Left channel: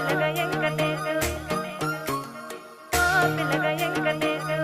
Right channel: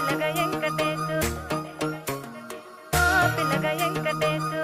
పిల్లగ వెంకటేశు ఓ పిల్లగ వెంకటేశు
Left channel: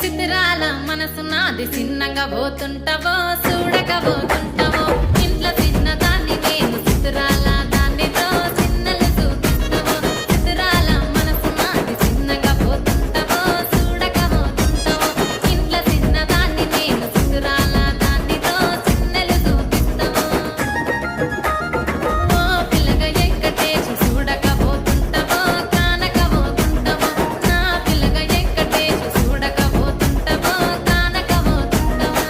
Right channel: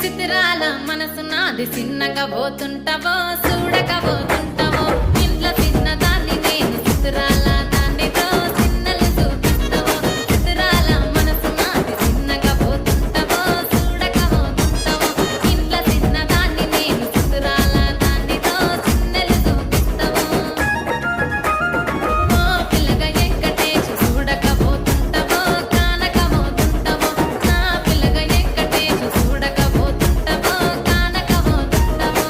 సిద్ధిరాల మనసు నాది చిన్నగా పోతుంటావో చూడక పోతుంటావో ఇంట్లో చిన్నదాన్ని నేను సిద్ధిరాల దాన్నితో చిన్నలు చూపిస్తావో సిద్ధిరాల మనసు నాది చిన్నగా పోతుంటావో చూడక పోతుంటావో ఇంట్లో చిన్నదాన్ని నేను సిద్ధిరాల దాన్నితో చిన్నలు చూపిస్తావో ఓ పిల్లగ వెంకటేశు చూడక పోతుంటావో కానక పోతుంటావో నా పిల్లగ వెంకటేశు చూడక పోతుంటావో కానక పోతుంటావో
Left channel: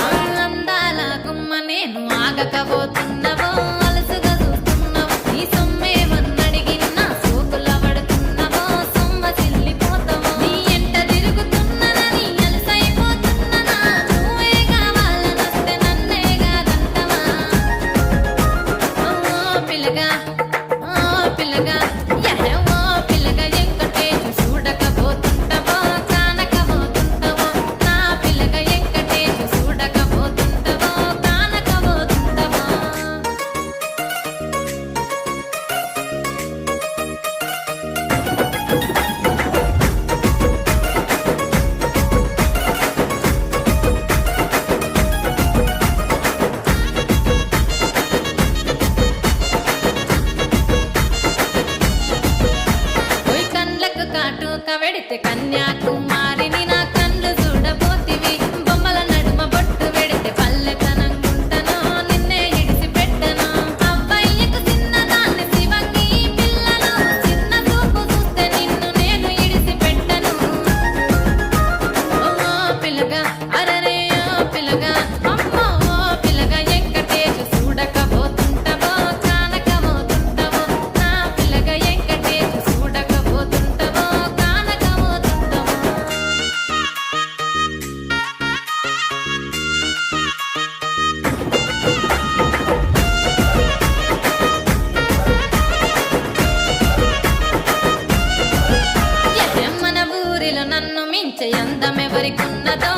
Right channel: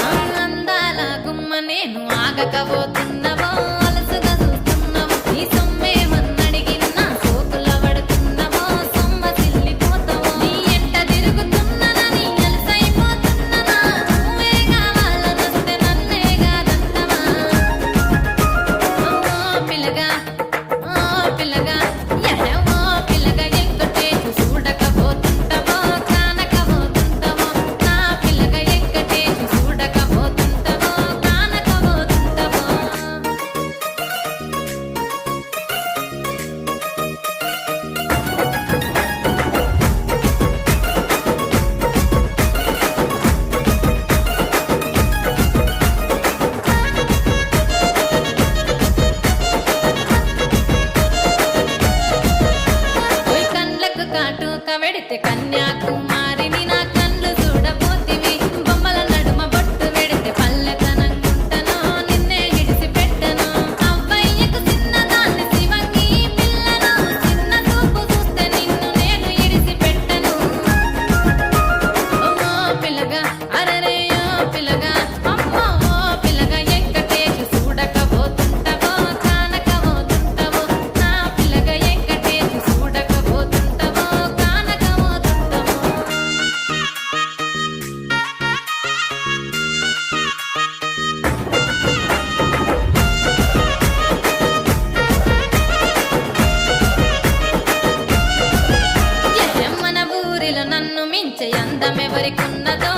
ఆ అందాల గుమ్మ నేను ఆగకపోతున్నవో అలసుగా చూస్తున్నవో నీ సొమ్మేమన్నడిగిన్నా సోకుల పడుతున్నవో సొమ్మ సిల్లిపోతావో నీ ఎంట తిరుగుతున్ననని అలసైపోతున్ననా నువ్వే కావాలనొస్తే నన్నే కాదంటవా ఓ పిల్లగా ఓ పిల్లగా ఓ పిల్లగా వెంకటేశు చూడకపోతుంటావో కానకపోతుంటావో నా పిల్లగా వెంకటేశు చూడకపోతుంటావో కానకపోతుంటావో ఓయ్ కండ్లకు కాటుక వెడితే కన్యాకుమారిని నా కండ్లు చూడపోతివి బొమ్మల నడుమ బొట్టు వెడితే పల్లెతనంగుంటను నిన్నే ఇడిసి పెట్టను అవ్వయ్యకు చిన్నదాన్ని శివంగి పిల్లను చిన్న చూపు చూస్తే నిన్ను నేను ఇడిసి పెట్టను ఓ పిల్లగా అరరే ఓ పిల్లగా అమ్మో ఓ పిల్లగా వెంకటేశు చూడకపోతుంటావో కానకపోతుంటావో నా పిల్లగా వెంకటేశు చూడకపోతుంటావో కానకపోతుంటావో మన ఊరిలో నన్ను మించే అందమెవరికున్నదో